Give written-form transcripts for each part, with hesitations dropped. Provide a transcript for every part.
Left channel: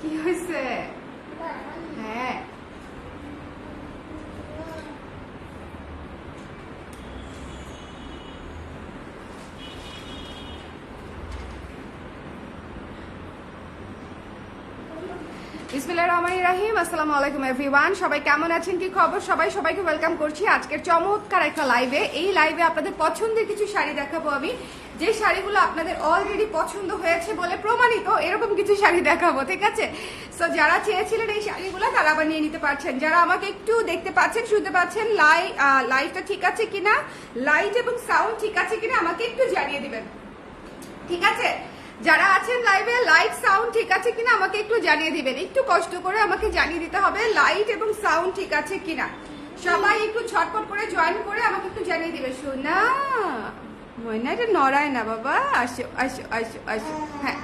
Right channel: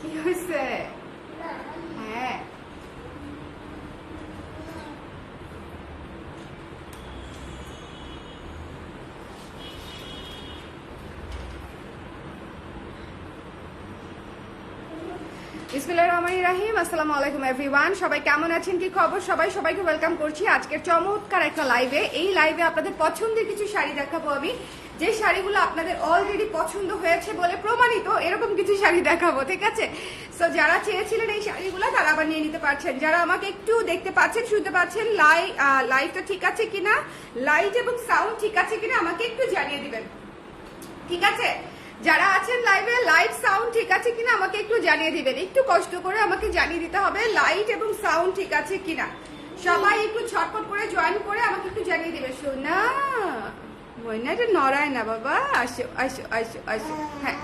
কি হয়েছে? হ্যাঁ বিসমিল্লাহির রহমানির রহিম। আসসালামু আলাইকুম এভরিওয়ান, সবাই কেমন আছেন, কি খবর? সবাইকে ওয়েলকাম করছি আজকের চমৎকার একটা লাইভে। এই লাইভে আপনাদের পছন্দের কিছু শাড়ি দেখাবো আমি, যে শাড়িগুলো আপনাদের অলরেডি পছন্দ হয়েছে বলে প্রমাণিত, এরকম কিছু শাড়ি দেখাবো, ঠিক আছে? সো যারা চেয়েছিলেন এই শাড়িগুলো তারা আবার নিয়ে নিতে পারছেন। যারা আমাকে একটু দেখতে পাচ্ছেন, শুনতে পাচ্ছেন, লাইভটা ঠিক আছে কিনা, লাইট এবং সাউন্ড ঠিক আছে কিনা আমাকে একটু জানিয়ে দিবেন, ঠিক আছে? যারা আছেন লাইভে, লাইট সাউন্ড ঠিক আছে কিনা আমাকে একটু জানিয়ে দিবেন। একটু কষ্ট করে আমাকে জানিয়ে দিতে হবে লাইট এবং সাউন্ড ঠিক আছে কিনা। সবাই একটু ছটপট করে জয়েন করে আমাকে একটু জানিয়ে দিবে। শোনা ময়নাটা নড়ায় না বাবা, আসো আসো আসো আসো। হ্যাঁ,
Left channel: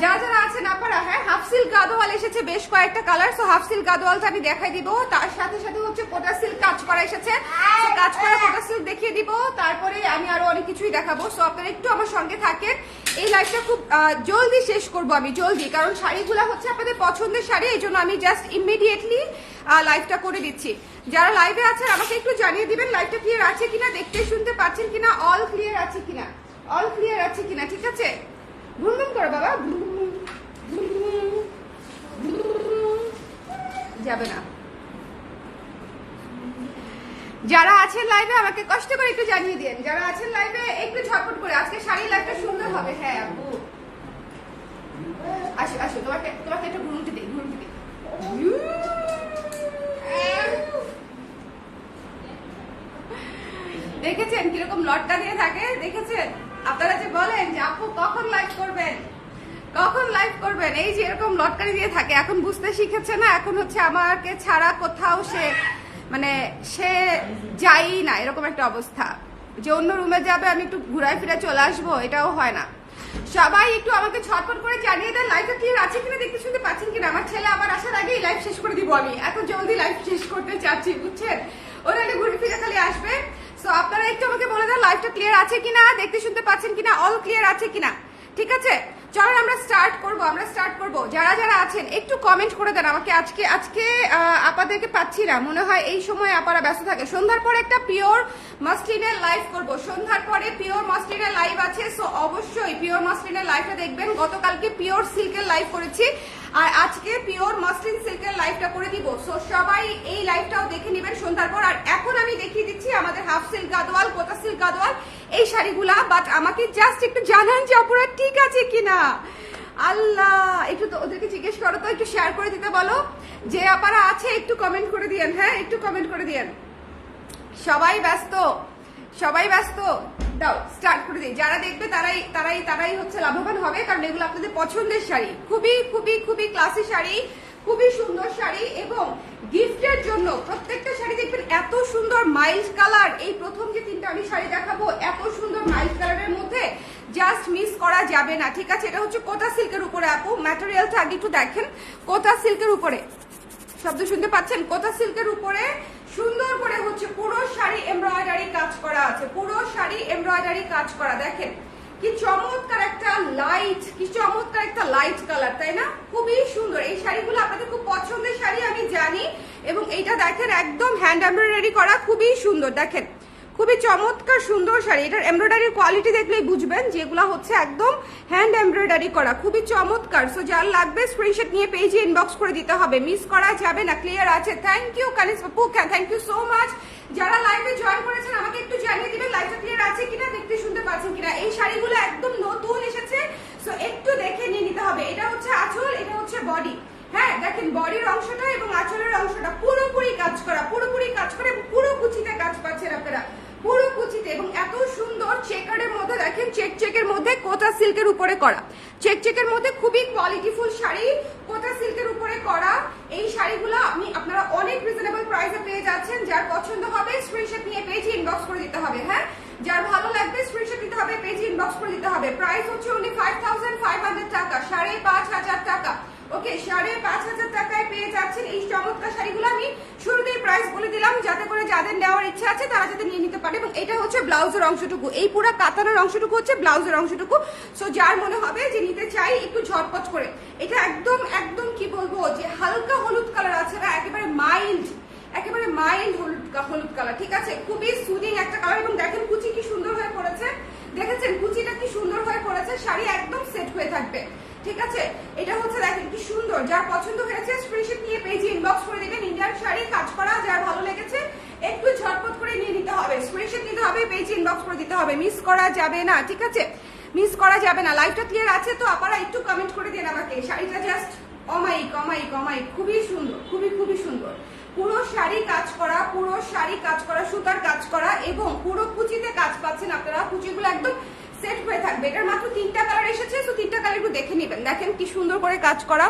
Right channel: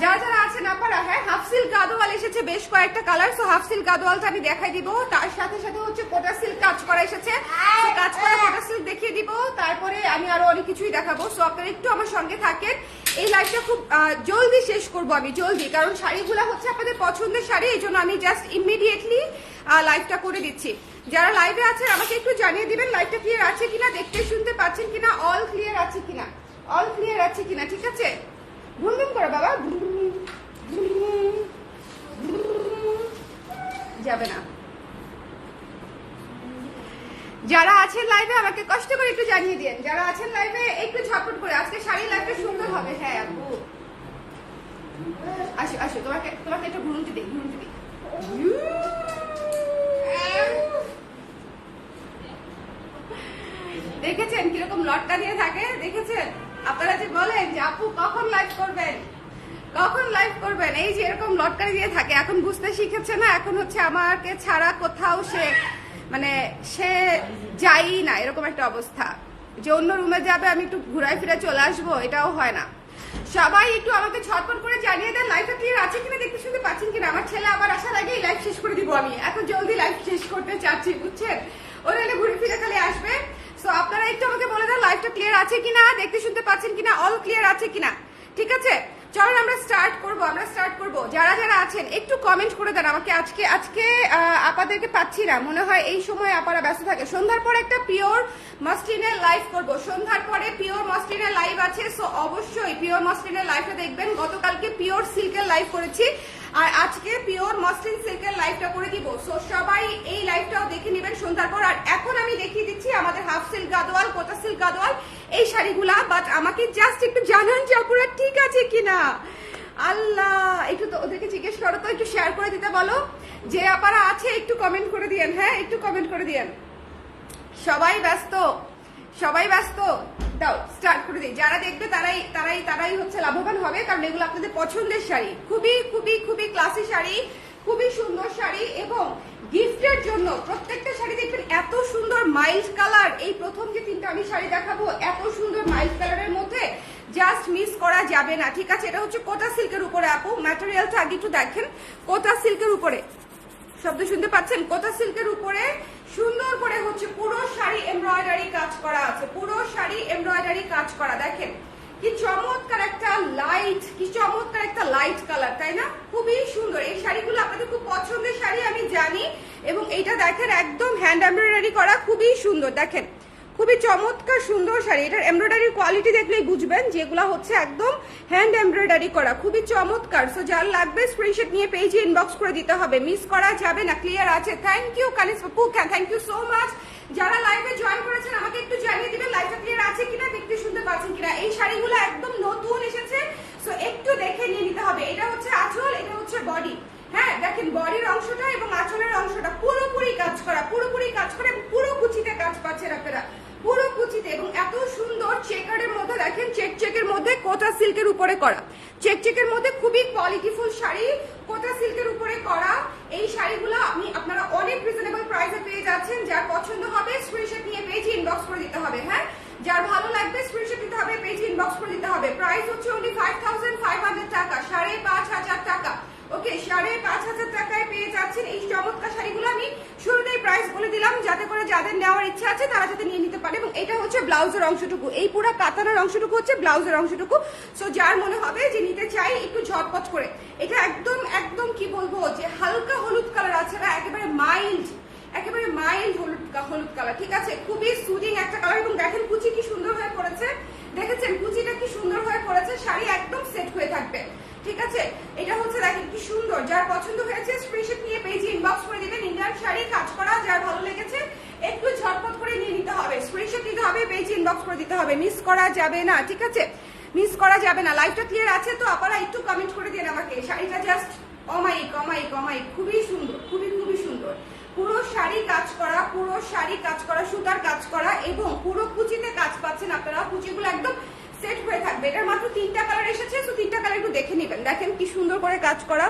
যারা যারা আছেন আপনারা, হ্যাঁ, হাফ সিল্ক গাদোয়াল এসেছে বেশ কয়েকটা কালার। সো হাফ সিল্ক গাদোয়ালটা আমি দেখাই দিব, তার সাথে সাথে হচ্ছে কোটা সিল্ক কাজ করা এসেছে, সো কাজ করা কোটা সিল্ক দেখিয়ে দিব, তারপরে আমি আরো অনেক কিছুই দেখাবো। সো আপনারা একটু আমার সঙ্গে থাকেন। এই লাইভটা খুব জলদি শেষ করবো আমি, জলদি, কারণ শাড়িগুলো হচ্ছে আপনাদের পছন্দের শাড়ি, এই জন্য আমি জাস্ট ইমিডিয়েটলি লাইভটা করে দিচ্ছি। যারা লাইভে আছেন আমাকে একটু জানিয়ে দিবেন লাইভটা ক্লিয়ার আছে কিনা, দেখতে শুনতে পাচ্ছেন কিনা, অল ক্লিয়ার আছে কিনা, অল ক্লিয়ার আছে কিনা, ঠিক আছে? ঘুরঘুম করো বাবা, যাবে না। যারা আছেন লাইভে আমাকে কষ্ট করে একটু জানিয়ে দিন, যারা আছেন লাইভে একটু ঝটপট করে। আজকে শাড়ির লাইভটা সুন্দর হবে। হ্যাঁ আপু, আসো আসো, তোমাকে তোমাকে একটা ঘুরুতে দিই, ঘুরুতে দিই। দেখেছেন কিরকম লটকা দিয়ে থাকে? দেখেছেন? আপনারা যে বলেন যে আপু কখন লাইভ করবেন, কখন লাইভ করবেন, এই যে এরকম লটকা দিয়ে থাকে। এখন বুঝতে শিখেছে না, এখন হচ্ছে আমাকে ছাড়া কোথাও সে মানে সে যাই না, এরকম একটা অবস্থা যে অন্য রুমে যাবে, আমি একটু ঘুরায় ফিরে চলে আসবো, এটাও হয় না। সবাই একটু আমাকে ছটপট করে জানিয়ে দেন লাইভটা ক্লিয়ার আছে কিনা, দেখতে শুনতে পাচ্ছেন কিনা। আমার ছেলে আবার আসার আগেই লাইভ শেষ করে দিব আমি, এখন জলদি লাইভ শেষ করতে চাচ্ছি, বুঝছেন? ওরা ঘুরে ফিরে খালি আসবে। সো আপনারা একটু আমাকে বলে দেন লাইভটা ক্লিয়ার আছে কিনা, দেখতে শুনতে পাচ্ছেন কিনা, অল ক্লিয়ার আছে কিনা, ঠিক আছে? চলুন আমরা স্টার্ট করব। যারা যারা আছেন একটু কমেন্ট করে দেন আমাকে। আজকে আপাদেরকে পাচ্ছি না, মনে হয় এই সময় আপারা ব্যস্ত থাকে। সন্ধ্যার পরে একটা পিওর মাসলিনের লাইভ করব, সন্ধ্যার পরে পিওর মাসলিনের লাইভ আছে। সো অবশ্যই পিওর মাসলিনের লাইভটা দেখবেন। গতকালকে পিওর সিল্কের লাইভ করেছি, আর আজকে পিওর মাসলিন সিল্কের লাইভটা করে দিব। সো সবাই এই লাইভটাও দেখে নেবেন সন্ধ্যার পর। আর এখন আমি দেখিয়ে দিচ্ছি আমাদের হাফ সিল্ক গাদোয়াল, কোটা সিল্ক গাদোয়াল এই শাড়িগুলা। বাট আমাকে জাস্ট একটু জানান যে অপরাধ ঠিক আছে কিনা। আল্লাহ, একটু তো ওদেরকে জিজ্ঞেস করো তো, একটু শেয়ার করে দিতে বলো। যে আপারা আছে একটু কমেন্ট করে দিয়েন, হ্যাঁ একটু কমেন্ট করে দিয়েন। সবাই ব্যস্ত, সবাই ব্যস্ত, দাও স্টার্ট করে দিই। যারা দেখবে তারাই তারাই তারাই হচ্ছে লাভবান হবে, কারণ এগুলো আপনাদের পছন্দের শাড়ি, খুবই খুবই খুবই ক্লাসি শাড়ি, খুবই সুন্দর শাড়ি, এবং গিফটের জন্য প্রত্যেকটা শাড়ি দেখবেন এত সুন্দর মাইল্ড কালার। এই প্রথম যে তিনটা আমি শাড়ি দেখাবো এত সুন্দর মাইল্ড কালারের মধ্যে, জাস্ট মিস করা যাবে না, ঠিক আছে? এটা হচ্ছে কোটা সিল্কের উপরে আপু, ম্যাটেরিয়ালটা আগে একটু দেখেন। কোটা সিল্কের উপরে, শব্দ শুনতে পাচ্ছেন? কোটা সিল্কের উপরে সুন্দর করে হচ্ছে পুরো শাড়ি এমব্রয়ডারি কাজ করা আছে, পুরো শাড়ি এমব্রয়ডারি কাজ করা। দেখেন কি চমৎকার একটা লাইট, কি চমৎকার একটা লাইট কালার, তাই না? খুবই সুন্দর। এই শাড়িগুলো আপনাদের খুব পছন্দের শাড়ি আমি জানি, এবং এইটা দেখেন একদম হ্যান্ড এমব্রয়ডারি করা, খুবই সুন্দর। দেখেন খুবই চমৎকার সুন্দর শাড়ি। এটার এমব্রয়ডারির কোয়ালিটি দেখলেই বুঝবেন যেগুলো হচ্ছে একদম হ্যান্ড এমব্রয়ডারি করা, খুবই চমৎকার। সো যার লাগবে স্ক্রিনশট নিয়ে পেজে ইনবক্স করে দিতে হবে, মিস করা যাবে না। ক্লিয়ার আছে? থ্যাংক ইউ কানিস আপু, থ্যাংক ইউ সো মাচ। যারা লাইভে জয়েন করেছেন আমাকে একটু জানিয়ে দিবেন লাইভটা ক্লিয়ার আছে কিনা, দেখতে শুনতে পাচ্ছেন কিনা। এই শাড়িগুলো একদম নতুন এসেছে, সো একটু দেখে নিয়ে নিতে হবে। এটা হচ্ছে আঁচল, এটা হচ্ছে বডি। হ্যাঁ দেখেন বডির অংশটা এবং আঁচলের অংশটা পুরোপুরি কাজ করা, পুরোপুরি কাজ করে, পুরো কুচিতে কাজ পাচ্ছেন আপনারা, পুরো কুচিতে, এবং এত সুন্দর চেকারের মধ্যে দেখেন, চেকের মধ্যে কোটা সিল্কের উপরে করা, চেকের মধ্যে খুবই কোয়ালিটিফুল শাড়ি, কোটা সিল্কের উপরে করা। এই শাড়িগুলো আপনারা অনেক রিজনেবল প্রাইসে পেয়ে যাচ্ছেন। যার পছন্দ হবে স্ক্রিনশট নিয়ে পেজে ইনবক্স করে দিতে হবে। হ্যাঁ, যার ভালো লাগবে স্ক্রিনশট দিতে হবে, পেজে ইনবক্স করে দিতে হবে। প্রাইস হচ্ছে only 5500 টাকা, 5500 টাকা, ওকে 5,500 টাকায় পেয়ে যাচ্ছেন এই চমৎকার শাড়িগুলো। আমি শুরুতেই প্রাইস বলে দিলাম যাতে করে যাদের নেওয়ার ইচ্ছা আছে তারা যাতে নিয়ে নিতে পারে। এবং এটা হচ্ছে ব্লাউজের অংশটুকু, এই পুরো কাতানের অংশটুকু হচ্ছে ব্লাউজের অংশটুকু। সো যার মনে হবে যে নিতে চাই একটু ঝটপট করে, এটা একদম একদম কি বলবো যে হালকা হলুদ কালার আছে না, একেবারে মাইল্ড হলুদ কালার, ঠিক আছে, খুবই সুদিং একটা কালার। এবং দেখেন কুচি কি সুন্দর হয়ে পড়েছে, দেখেছেন কুচিটা কি সুন্দর হয়ে পড়েছে, শাড়ি একদম সেট হয়ে থাকবে, ঠিক আছে। এটা হচ্ছে দেখেন কি সুন্দর, যার পছন্দ হয়েছে স্ক্রিনশট নিয়ে পেজে ইনবক্স করে দিবেন। ইন্ডিয়ান শাড়ি কাজ করা, যার ভালো লেগেছে একটু ঝটপট করে নিয়ে নিতে হবে, স্ক্রিনশট নিতে হবে, পেজে ইনবক্স করে দিতে হবে, মিস করা যাবে না, ঠিক আছে, মিস করা যাবে না। লাইভটা ক্লিয়ার আছে তো আপনারা একটু কমেন্ট করে দিন আমাকে। শাড়িটা জাস্ট অমাইক, খুবই সুন্দর, খুবই সুন্দর। পুরো শাড়ি কাজ করা, সুতার কাজ করা এবং পুরো কুচিতে কাজ পাচ্ছেন আপনারা। কুচিগুলো একদম সেট হয়ে থাকবে। এটার মাত্র 3টা কালার এসেছে, তো 3টা কালার একটু দেখে নেবেন। দেখেন কি সুন্দর করে কাজ করা,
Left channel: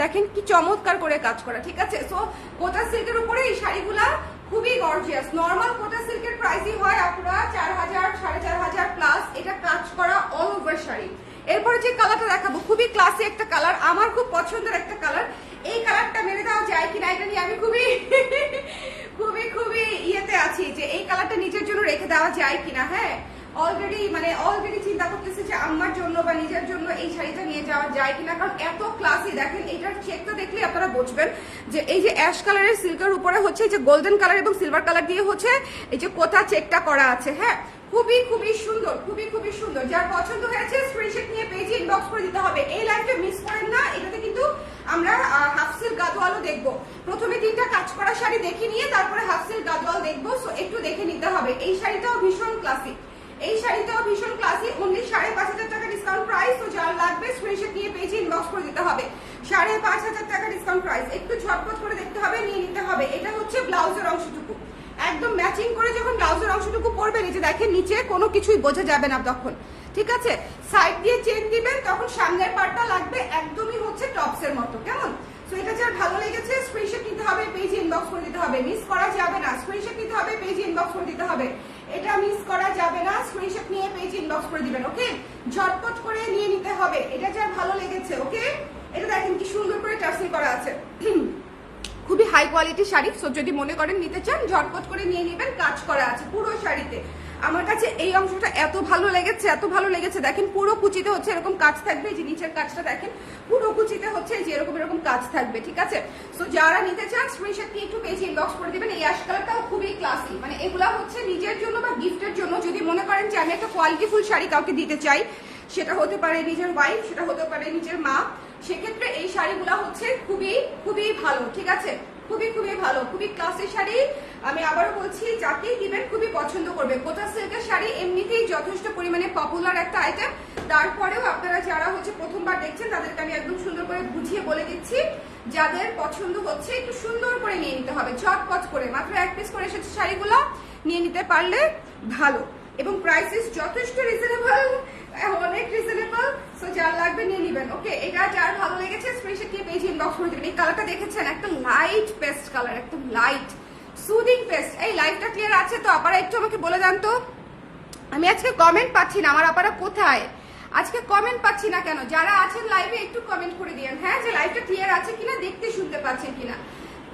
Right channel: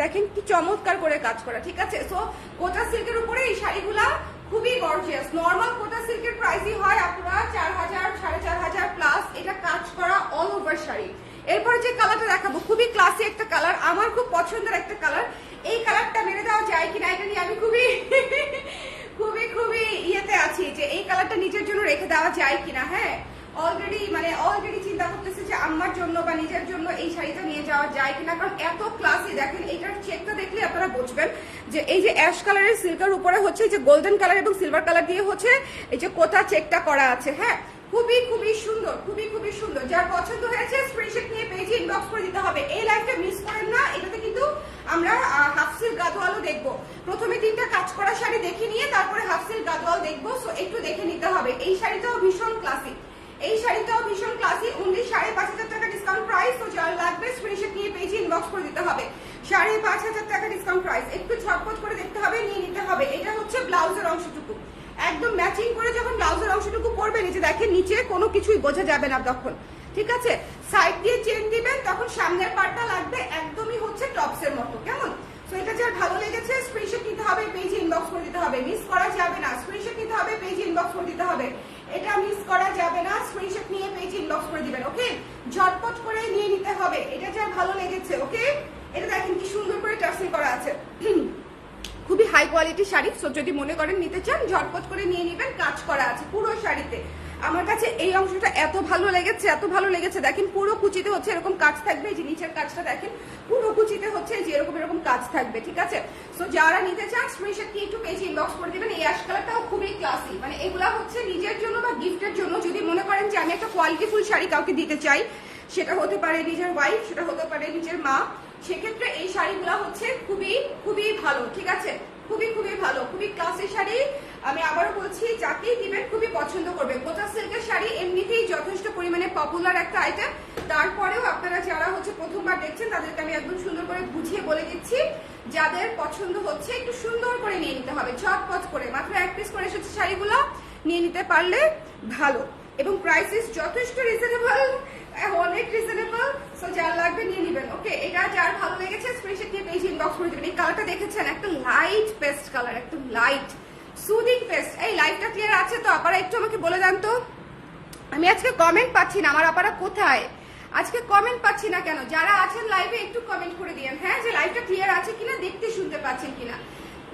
দেখেন কি চমৎকার করে কাজ করা, ঠিক আছে। সো কোটা সিল্কের উপরে এই শাড়িগুলা খুবই গর্জিয়াস। নর্মাল কোটা সিল্কের প্রাইসই হয় আপনারা 4,000 4,500 প্লাস। এটা কাজ করা অল ওভার শাড়ি। এরপরে যে কালারটা দেখাবো খুবই ক্লাসি একটা কালার, আমার খুব পছন্দের একটা কালার। এই কালারটা মেরে দেওয়া যায় কিনা এটা নিয়ে আমি খুবই ইয়েতে আছি যে এই কালারটা নিজের জন্য রেখে দেওয়া যায় কিনা। হ্যাঁ, অলরেডি চিন্তা করতেছি যে আমার জন্য বা নিজের জন্য এই শাড়িটা নিয়ে যাওয়া যায় কিনা, কারণ এত ক্লাসি। দেখেন এটার চেকটা দেখলে আপনারা বুঝবেন যে এই যে অ্যাশ কালারের সিল্কের উপরে হচ্ছে যে গোল্ডেন কালার এবং সিলভার কালার দিয়ে হচ্ছে এই যে কোটা চেকটা করা আছে। হ্যাঁ, খুবই সুন্দর, খুবই সুন্দর। যার পছন্দ হয়েছে স্ক্রিনশট নিয়ে পেজে ইনবক্স করে দিতে হবে। এই লাইভটা মিস করেন না, এটাতে কিন্তু আমরা হাফ সিল্ক গাদোয়ালও দেখবো। প্রথমে 3টা কাজ করা শাড়ি দেখে নিয়ে তারপরে হাফ সিল্ক গাদোয়াল দেখবো, সো একটু দেখে নিতে হবে। এই শাড়িটাও ভীষণ ক্লাসিক, অনলি 5,500 টাকা ডিসকাউন্ট প্রাইস। তো যার লাগবে স্ক্রিনশট নিয়ে পেজে ইনবক্স করে দিতে হবে। 5,500 টাকা ডিসকাউন্ট প্রাইস, একটু ঝটপট করে দেখতে হবে, নিয়ে নিতে হবে। এটা হচ্ছে ব্লাউজের অংশটুকু, একদম ম্যাচিং করে যখন ব্লাউজের অংশটুকু পরবেন, এই যে দেখেন নিচে কোনো কিছুই বোঝা যাবে না তখন, ঠিক আছে। সাইড দিয়ে চেন দিবেন তখন সামনের পার্টটা লাগবে একদমই হচ্ছে টপসের মতো, কেমন। তো এটা যার ভালো লেগেছে স্ক্রিনশট নিতে হবে, পেজে ইনবক্স করে দিতে হবে, মিস করা যাবে না। স্ক্রিনশট নিতে হবে, পেজে ইনবক্স করে দিতে হবে, এটা মিস করা যাবে না। স্ক্রিনশট নিয়ে পেজে ইনবক্স করে দিবেন, ওকে, ঝটপট করে নিয়ে নিতে হবে। এটা যার ভালো লেগেছে, ওকে। এটা দেখেন কি সুন্দর করে টার্সেল করা আছে, খুবই হাই কোয়ালিটির শাড়ি। সো যদি মনে করেন নিতে চান ঝটপট করে নিয়ে নেবেন, কাজ করা আছে পুরো শাড়িতে। আমার কাছে এই অংশটা এত ভালো লেগেছে, দেখেন পুরো কুচিতে হচ্ছে এরকম কাজ থাকবে, যে নিচের কাজটা দেখেন পুরো কুচিতে হচ্ছে যে এরকম কাজ থাকবে, ঠিক আছে। সো যারা নিতে চান স্ক্রিনশট নিয়ে একটু পেজে ইনবক্স করে দিবেন। এই অ্যাশ কালারটাও খুবই ক্লাসি, মানে এগুলা হচ্ছে নিজের জন্য বা গিফটের জন্য। যদি মনে করেন যে আমি একটা কোয়ালিটিফুল শাড়ি কাউকে দিতে চাই, সেটা হতে পারে নিজের ওয়াইফ, সেটা হতে পারে নিজের মা, সেক্ষেত্রে এই শাড়িগুলা হচ্ছে খুবই ভালো, ঠিক আছে, খুবই ভালো, খুবই ক্লাসি শাড়ি। আমি আবারও বলছি যাকেই দিবেন খুবই পছন্দ করবে। কোটা সিল্কের শাড়ি এমনিতেই যথেষ্ট পরিমাণে পপুলার একটা আইটেম। তারপরেও আপনারা যারা হচ্ছে প্রথমবার দেখছেন তাদেরকে আমি একদম সুন্দর করে বুঝিয়ে বলে দিচ্ছি, যাদের পছন্দ হচ্ছে একটু সুন্দর করে নিয়ে নিতে হবে, ঝটপট করে। মাত্র 1 পিস করে এসেছে শাড়িগুলো, নিয়ে নিতে পারলে ভালো। এবং প্রাইসেস যথেষ্ট রিজনেবল, অনেক রিজনেবল। সো যার লাগবে নিয়ে নেবেন, ওকে। এটা যার ভালো লেগেছে স্ক্রিনশট নিয়ে পেজে ইনবক্স করে দেবেন। এই কালারটা দেখেছেন, একটা লাইট পেস্ট কালার, একদম লাইট সুদিং পেস্ট। এই লাইটটা ক্লিয়ার আছে তো? আপনারা একটু আমাকে বলে দেন তো, আমি আজকে কমেন্ট পাচ্ছি না, আমার আপনারা কোথায় আজকে কমেন্ট পাচ্ছি না কেন? যারা আছেন লাইভে একটু কমেন্ট করে দিয়েন, হ্যাঁ, যে লাইভটা ক্লিয়ার আছে কিনা, দেখতে শুনতে পাচ্ছেন কিনা,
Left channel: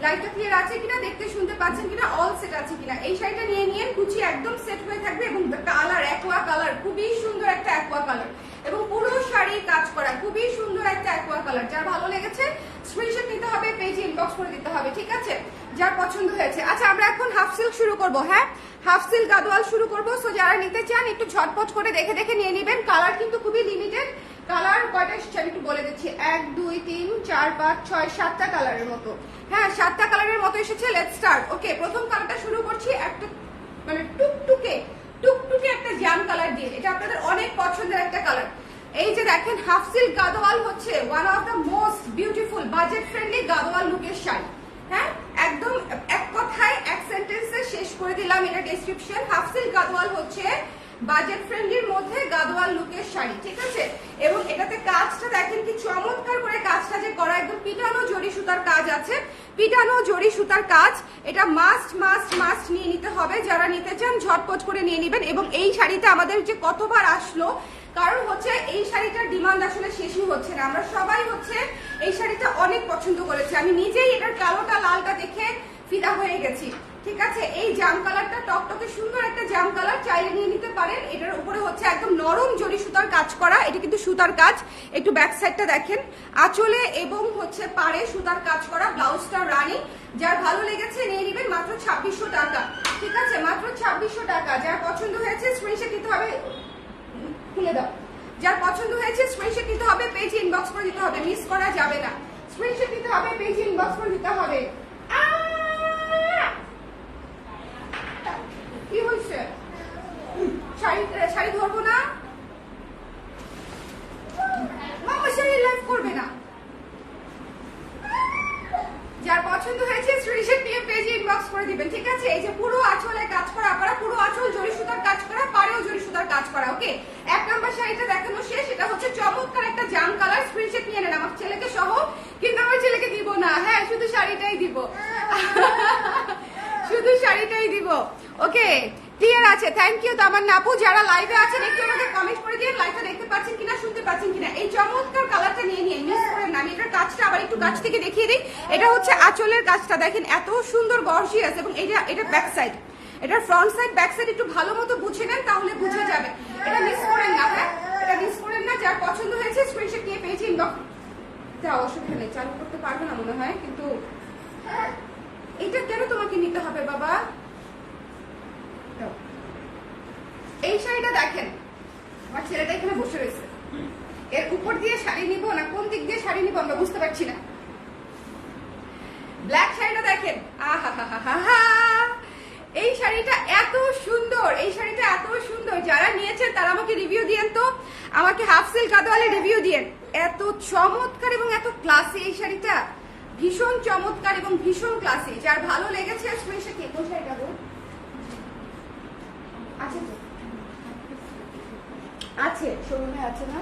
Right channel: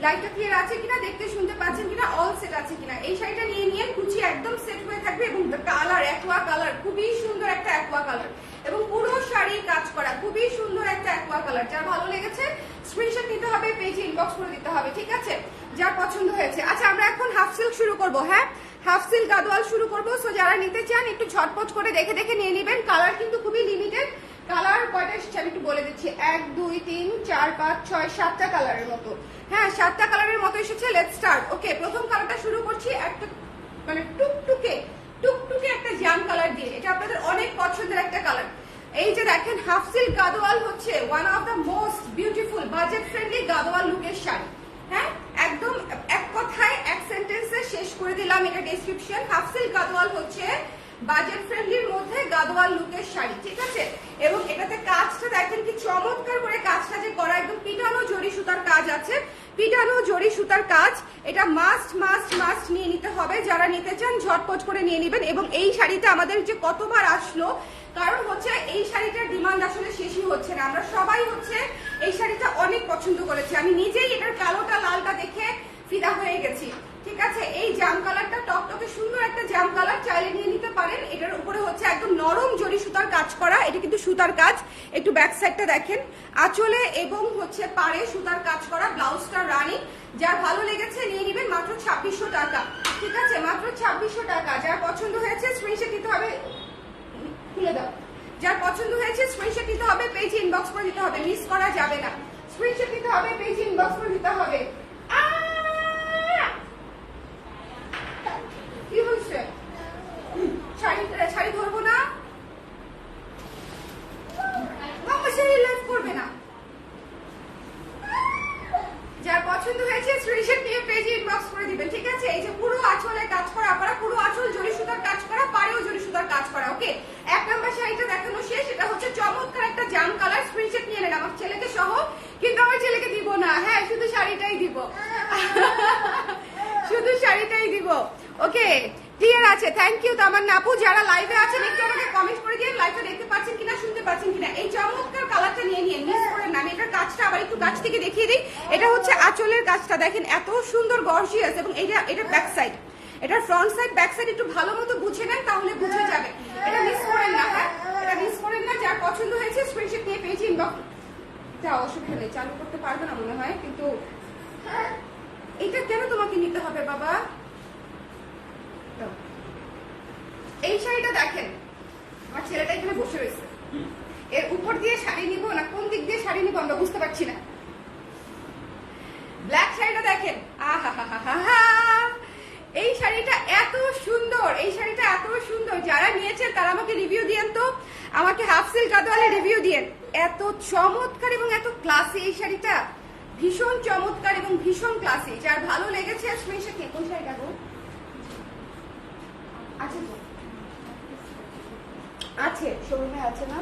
লাইটটা ক্লিয়ার আছে কিনা, দেখতে শুনতে পাচ্ছেন কিনা, অল সেট আছে কিনা। এই শাড়িটা নিয়ে কুচি একদম সেট হয়ে থাকবে এবং কালার অ্যাকোয়া কালার, খুবই সুন্দর একটা অ্যাকোয়া কালার এবং পুরো শাড়ি কাজ করা, খুবই সুন্দর একটা অ্যাকোয়া কালার। যার ভালো লেগেছে স্ক্রিনশট নিতে হবে, পেজে ইনবক্স করে দিতে হবে, ঠিক আছে, যার পছন্দ হয়েছে। আচ্ছা, আমরা এখন হাফ সিল্ক শুরু করবো। হ্যাঁ, হাফ সিল্ক গাদোয়াল শুরু করবো। সো যারা নিতে চান একটু ঝটপট করে দেখে নিয়ে নেবেন। কালার কিন্তু খুবই লিমিটেড। কালার কয়টা এসেছে আমি একটু বলে দিচ্ছি, 1 2 3 4 5 6 7টা কালারের মতো। হ্যাঁ, 7টা কালারের মতো এসেছে। Let's start. ওকে, প্রথম কালারটা শুরু করছি একটা মানে টুকটুকে একটা জাম কালার দিয়ে। এটা আপনাদের অনেক পছন্দের একটা কালার। এই যে দেখেন হাফ সিল্ক গাদোয়াল হচ্ছে one of the most beautiful budget friendly Gadwal লুকের শাড়ি। হ্যাঁ, একদম এক কথায় এক সেন্টেন্সে শেষ করে দিলাম এটা ডেসক্রিপশন। হাফ সিল্ক গাদোয়াল হচ্ছে বাজেট ফ্রেন্ডলির মধ্যে গাদোয়াল লুকের শাড়ি, ঠিক আছে। এবং এটাতে কাজটা দেখেন কি চমৎকার করে কাজটা যে করা, একদম পিটানো জরি সুতার কাজ আছে, পিটানো জরি সুতার কাজ। এটা মাস্ট মাস্ট মাস্ট নিয়ে নিতে হবে, যারা নিতে চান ঝটপট করে নিয়ে নেবেন। এবং এই শাড়িটা আমাদের যে কতবার আসলো, কারণ হচ্ছে এই শাড়িটার ডিমান্ড আসলে শেষই হচ্ছে না। আমরা সবাই হচ্ছে এই শাড়িটা অনেক পছন্দ করেছি, আমি নিজেই এটার কালোটা লালটা দেখে ফিদা হয়ে গেছি, ঠিক আছে। এই জাম কালারটা টকটকে সুন্দর একটা জাম কালার, চাইলে নিয়ে নিতে পারেন। এটার উপরে হচ্ছে একদম নরম জরি সুতার কাজ করা, এটা কিন্তু সুতার কাজ। একটু ব্যাক সাইডটা দেখেন, আঁচলে এবং হচ্ছে পাড়ে সুতার কাজ করা, ব্লাউজটা রানিং। যার ভালো লেগেছে নিয়ে নেবেন, মাত্র 2600 টাকা, ঠিক আছে, মাত্র 2600 টাকা। যার পছন্দ হয়েছে স্ক্রিনশট নিতে হবে, খুলে দাও। যার পছন্দ হয়েছে স্ক্রিনশট নিতে হবে, পেজ ইনবক্স করে দিতে হবে, মিস করা যাবে না। স্ক্রিনশট নিতে হবে, পেজ ইনবক্স করে দিতে হবে। কি হচ্ছে? শাড়ি ধরবো না, শাড়ি লাইভ করবে না। যার পছন্দ হয়েছে স্ক্রিনশট নিয়ে পেজে ইনবক্স করে দিবেন, ঠিক আছে। এই যে পুরো আঁচলে কাজ করা, আপনারা পুরো আঁচল জরি সুতার কাজ করা, পাড়েও জরি সুতার কাজ করা, ওকে। 1 নম্বর শাড়িটা দেখানো শেষ। এটা হচ্ছে চমৎকার একটা জাম কালার, স্ক্রিনশট নিয়ে নেন আমার ছেলেকে সহ, কিন্তু আমার ছেলেকে দিব না, হ্যাঁ শুধু শাড়িটাই দিব, শুধু শাড়িটাই দিব, ওকে। ক্লিয়ার আছে, থ্যাংক ইউ তামান্না আপু। যারা লাইভে আছেন একটু আমাকে কমেন্ট করে দিন, লাইভটা দেখতে পাচ্ছেন কিনা, শুনতে পাচ্ছেন কিনা। এই চমৎকার কালারটা নিয়ে নিন, মিস করেন না। আমি এটার কাজটা আবার একটু কাছ থেকে দেখিয়ে দিই। এটা হচ্ছে আঁচলের কাজটা দেখেন, এত সুন্দর গর্জিয়াস। এবং এটা ব্যাক সাইড, এটার ফ্রন্ট সাইড ব্যাক সাইড একটু ভালো মতো বুঝে নেন, তাহলে বুঝে যাবে। এটা মিস করেন না, হ্যাঁ এটা মিস করেন না। যার পছন্দ হয়েছে স্ক্রিনশট নিয়ে পেজে ইনবক্স, যাও, অসুবিধা নেই, চালু করতে পারবে না মনে হয়, কিন্তু এটা কেন তোমাকে নিতে হবে বাবা। এই শাড়িটা দেখেন, আমার ছেলেটা এখানে বসে রয়েছে, এর উপর দিয়ে শাড়ি নিবো না কোন দিক দিয়ে শাড়ি নিবো আমরা বুঝতে পারছি না। ব্ল্যাক শাড়িটা দেখেন, আহা, এই শাড়িটা এত সুন্দর, এই শাড়িটা এত সুন্দর। যারা নিয়েছেন তারা আমাকে রিভিউ দিয়েন তো, আমাকে হাফ সিল্ক গাদোয়ালে রিভিউ দিয়েন। এত চমৎকার এবং এত ক্লাসি এই শাড়িটা, ভীষণ চমৎকার এবং ভীষণ ক্লাসি। যার ভালো লেগেছে স্ক্রিনশট নিয়ে, কোন শাড়িটা গো আছে তো, আছে শোরুমে আছে না,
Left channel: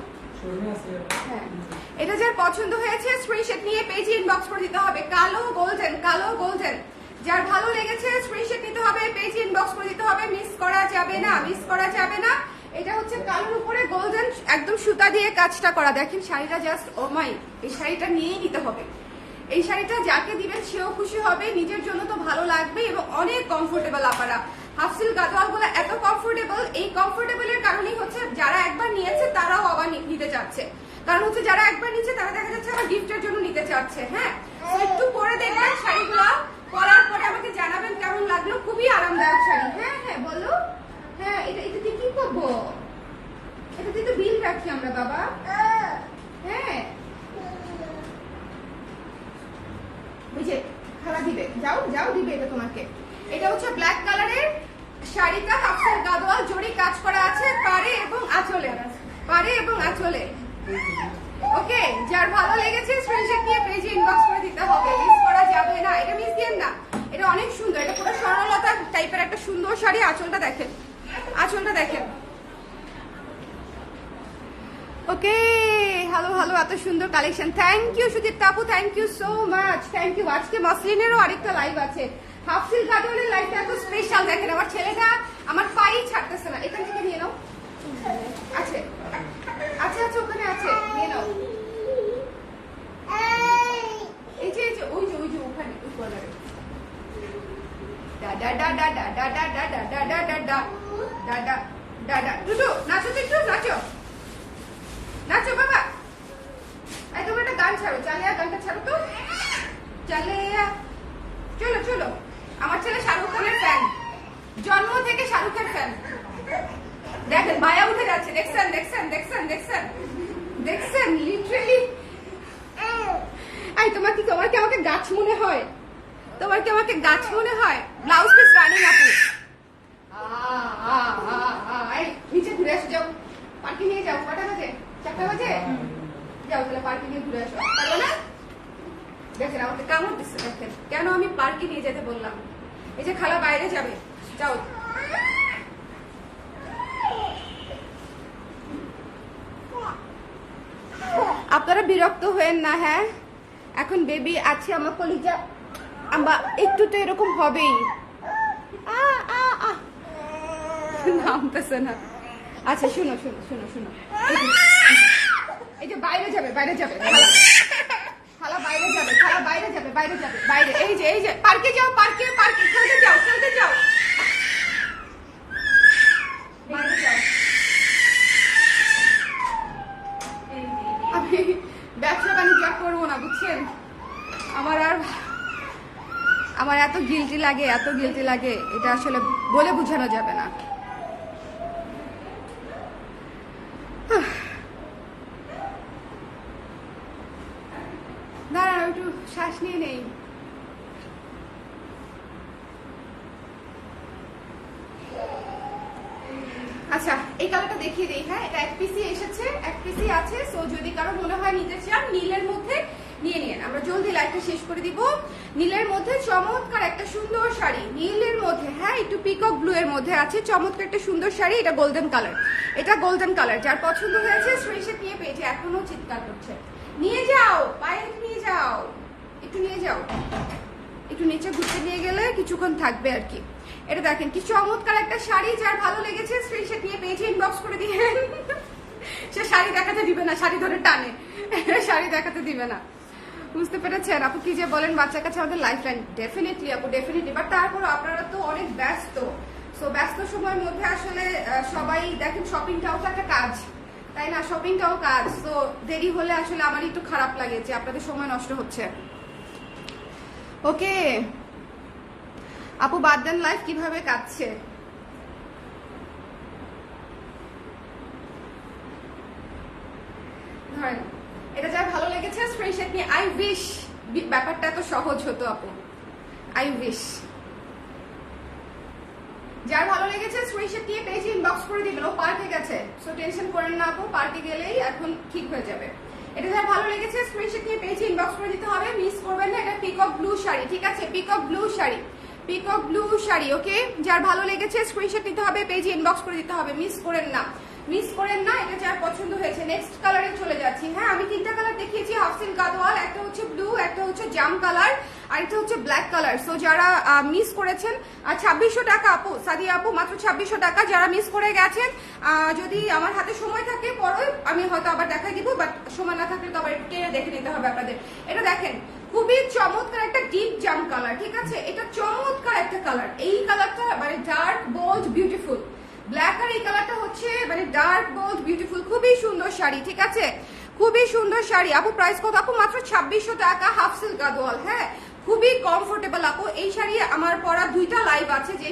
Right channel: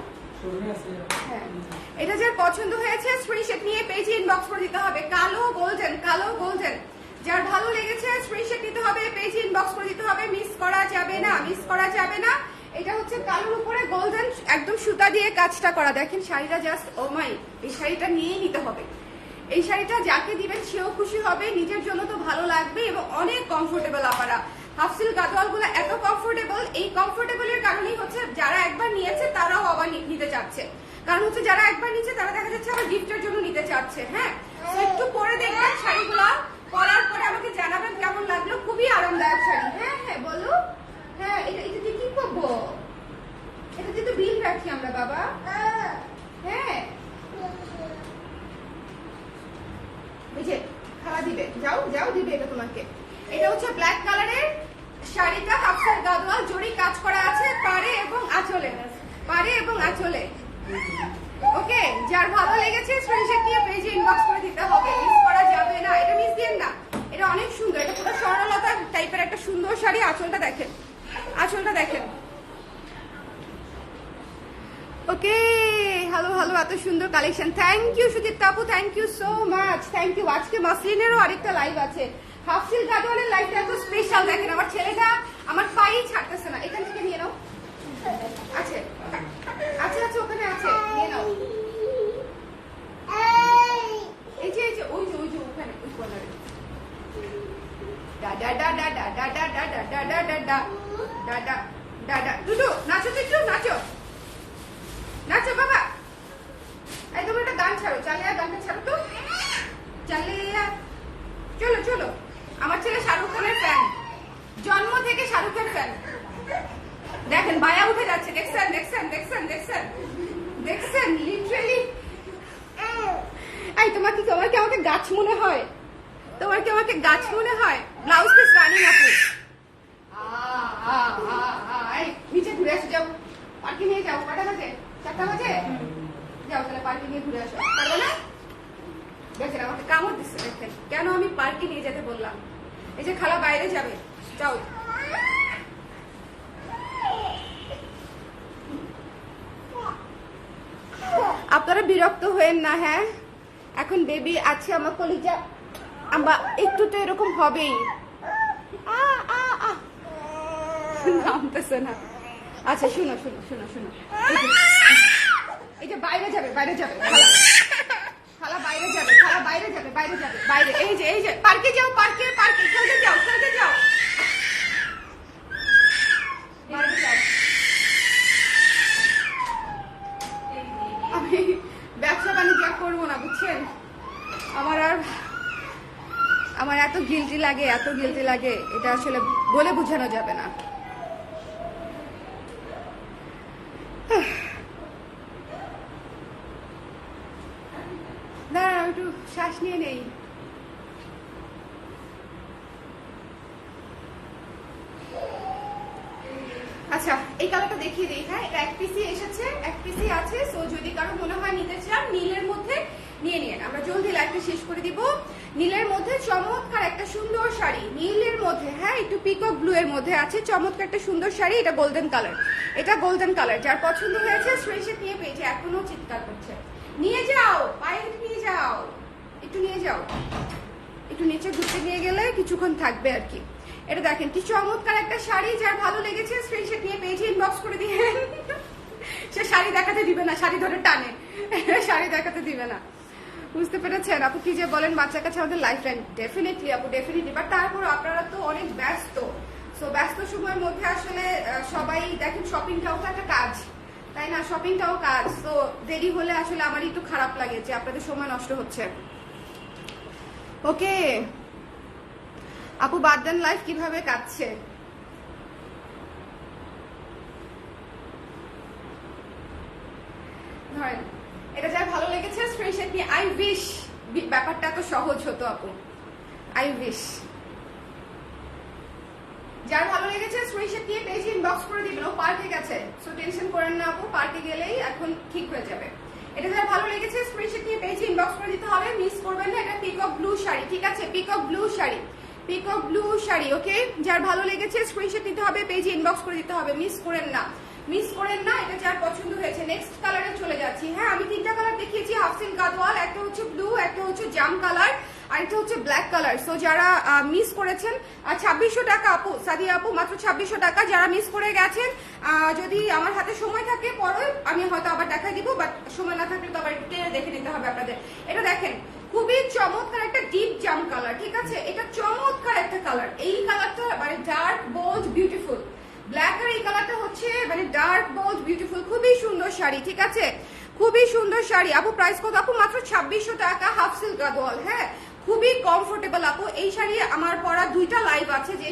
হ্যাঁ। এটা যার পছন্দ হয়েছে স্ক্রিনশট নিয়ে পেজে ইনবক্স করে দিতে হবে। কালো গোল্ডেন, কালো গোল্ডেন, যার ভালো লেগেছে স্ক্রিনশট নিতে হবে, পেজে ইনবক্স করে দিতে হবে, মিস করা যাবে না, মিস করা যাবে না। এটা হচ্ছে কালোর উপরে গোল্ডেন একদম সুতা দিয়ে কাজটা করা। দেখেন শাড়িটা জাস্ট ও মাই, এই শাড়িটা নিয়েই নিতে হবে। এই শাড়িটা যাকে দিবেন সেও খুশি হবে, নিজের জন্য তো ভালো লাগবে এবং অনেক কমফোর্টেবল। আপনারা হাফ সিল্ক গাদোয়াল গুলো এত কমফোর্টেবল, এই কমফোর্টেবলের কারণেই হচ্ছে যারা একবার নিয়েছে তারাও আবার নিতে চাচ্ছে। কারণ হচ্ছে যারা একবার নিয়েছে তারা দেখা যাচ্ছে আবার গিফটের জন্য নিতে চাচ্ছে। হ্যাঁ, একটু পরে দেখবেন শাড়িগুলো, পরার পরে আমাকে জানাবেন কেমন লাগলো। খুবই আরামদায়ক শাড়ি। হ্যাঁ হ্যাঁ বলো, হ্যাঁ এটাতে কি করবো, এটাতে তো বিল রাখি আমরা বাবা। হ্যাঁ বুঝে খাওয়া দিবে, যাও যাও দিবে এটা তোমাকে। এটা হচ্ছে ব্ল্যাক কালারের শাড়িটা, হাফ সিল্ক গাদোয়াল জরি কাজ করা আছে পাড়ে এবং আঁচলে, পাড়ে এবং আঁচলে, ওকে। যার ভালো লেগেছে স্ক্রিনশট দিয়ে পেজে ইনবক্স করে দিতে হবে, মিস করা যাবে না। এটা মিস দিন না, এটা অনেক সুন্দর, এটা পুরো স্বর্ণলতা টাইপের একটা সুন্দর শাড়ি। আঁচলটা দেখেন, আঁচলটা দেখেন, ওকে। ভালো ভালো, এত সুন্দর কালেকশন। থ্যাংক ইউ সুদীপ কাপু, thank you so much, thank you. আজকে মসলিনেরও আরেকটা লাইভ আছে, হাফ সিল্ক গাদোয়ালের লাইভটা এত স্পেশাল। দেখেন আমার ছেলেটা আমার পাই ছাড়তেছে না, এখান থেকে নিয়ে নাও, আছে আছে আছে, ওখানে আছে, নিয়ে নাও। এই যে ওই যে ওই যে ওখানে ওই কর্নারে, দাদা দাদা দাদা দাদা দাদা দাদা দাদা দাদা, দুটো নাচো তো, একটু নাচো নাচো বাবা। এই তুমি একটা গান ছাড়ো, চালিয়া গানটা ছাড়ো তো, চালিয়া। চলো চলো, আমার ছেলে শাহরুখ খানের ফ্যান, জন্ম থেকে শাহরুখের ফ্যান। দেখেন মায়া উঠে যাচ্ছে, দেখছেন দেখছেন দেখছেন দেখছেন দেখছেন, লিটারেলি। এই তোমার কি আমাকে গাছ মনে হয়, তোমার কি আমাকে গাছ মনে হয়? ব্লাউজ পিস রানিং আপু, নিচে ঘুরে আসো, যাও পার্কে নিয়ে যাও। কটা বাজে? 4টা বাজে, যাও তাহলে পার্কে নিয়ে ঘুরে আসো, পারবো না? দেখেন আমাকে কামড় দিচ্ছে, দেখেন কেন আমি পার্কে নিয়ে যেতে বললাম। এই যে খালা বাইরে যাবে, যাও। আপনারা বিরক্ত হয়েন না। হ্যাঁ, এখন বেবি আছে আমার কলিজা, আমরা একটু তো এরকম হবেই। নামতেছে না। আচ্ছা শুনো শুনো শুনো শুনো, এই যে বাইরে যাবে, বাইরে যাবে খালা, বাইরে যাবে, খালা বাইরে যাবে, বাইরে যাবে, বাইরে। এই যে পার্কে যাও, পার্কে পার্কে খেলতে যাও, খেলতে যাও, বাইরে যাও। আমি ব্যবসা বাণিজ্য করবো না, বুঝছেন? আমার এত গিলটি লাগে, এত গিলটি লাগে, এটা আসলে বলে বোঝানো যাবে না। না একটু শ্বাস নিয়ে নেই। আচ্ছা এই কালারটা দেখিয়ে দিই। হ্যাঁ, এক পিসি এসেছে, এক পিসি আছে। সো যদি কারো মনে হয় নিতে চান, নীলের মধ্যে নিয়ে নিন। আমরা জলদি লাইভটা শেষ করে দিব। নীলের মধ্যে চমৎকার একটা সুন্দর শাড়ি, নীলের মধ্যে, হ্যাঁ একটু পিকক ব্লু এর মধ্যে আছে চমৎকার একটা সুন্দর শাড়ি। এটা গোল্ডেন কালার, এটা গোল্ডেন কালার। যার পছন্দ হয়েছে স্ক্রিনশট নিয়ে পেয়েছে, এখনো চিৎকার করছে। নিয়ে যাও, পায়ে নিয়ে যাও, একটু নিয়ে যাও, একটু নিচে ঘুরতে নিয়ে গেলে কিছুক্ষণ থাকবে আর কি। এটা দেখেন কি চমৎকার একটা শাড়ি, যার ভালো লেগেছে স্ক্রিনশট নিয়ে পেয়েছে, ইনবক্স করে দিয়ে। সে শাড়ি দেখাতে দিবে না, শাড়ি ধরে টানে, শাড়ি দেখাতে দিবে না। বুঝতে পেরেছেন আপু কি যে বলেন, বাচ্চার কাছে আমাদের লাইফ লাইন। ডেফিনেটলি আপু, ডেফিনেটলি। বাট তারপর আপনারা তো অনেক ব্যস্ত, সো ব্যস্ত সময়ের মধ্যে আসলে সবাই দেখেন শপিংটাও তো একটা কাজ, তাই না? শপিংটাও কাজ। তো দেরি হলে আসলে আমারই একটু খারাপ লাগে যে আপনাদের সময় নষ্ট হচ্ছে। ওকে আপু, বাদ দেন লাইফ কিভাবে কাটছে? ধরেন এটা যার ভালো লেগেছে স্ক্রিনশট নিয়ে, আই উইশ ব্যাপারটা এত সহজ হতো আপু, আই উইশ। যার ভালো লেগেছে স্ক্রিনশট নিয়ে পেজে ইনবক্স করে দিবেন। ও পার্কে গেছে, সো টেনশন করেন না আপু, পার্কে গেলেই এখন ঠিক হয়ে যাবে। এটা যার ভালো লেগেছে স্ক্রিনশট নিয়ে পেজে ইনবক্স করে দিতে হবে, মিস করবেন না। এটা পিকক ব্লু শাড়ি, ঠিক আছে? Peacock blue sari, peacock blue sari. Okay, যার ভালো লেগেছে স্ক্রিনশট নিতে হবে, পেজে ইনবক্স করে দিতে হবে, মিস করেন না, মিস করেন না। এটা যার পছন্দ হয়েছে। নেক্সট কালারে চলে যাচ্ছি। হ্যাঁ, আমি তিনটা কালার দেখিয়েছি, হাফসিল গাদওয়াল, একটা হচ্ছে ব্লু, একটা হচ্ছে জাম কালার, আর একটা হচ্ছে ব্ল্যাক কালার। সো যারা মিস করেছেন, আর 2600 টাকা আপু, সাদিয়া আপু, মাত্র 2600 টাকা। যারা মিস করে গেছেন, যদি আমার হাতে সময় থাকে পরে আমি হয়তো আবার দেখাই দিব, বাট সময় না থাকলে তো আবার একটু দেখে নিতে হবে আপনাদের। এটা দেখেন খুবই চমৎকার একটা ডিপ জাম কালার, ঠিক আছে? এটা চমৎকার একটা কালার। এই কালারটা মানে ডার্ক বোল্ড বিউটিফুল। ব্ল্যাক আর এই কালারটা হচ্ছে মানে ডার্ক বোল্ড বিউটিফুল, খুবই সুন্দর শাড়ি, ঠিক আছে? খুবই সুন্দর শাড়ি আপু। প্রাইস কত আপু? মাত্র 2600 টাকা, হাফ সিল্ক গাদওয়াল। হ্যাঁ, খুবই কমফোর্টেবল আপু। এই শাড়ি আমার পরা দুইটা লাইভ আছে, যে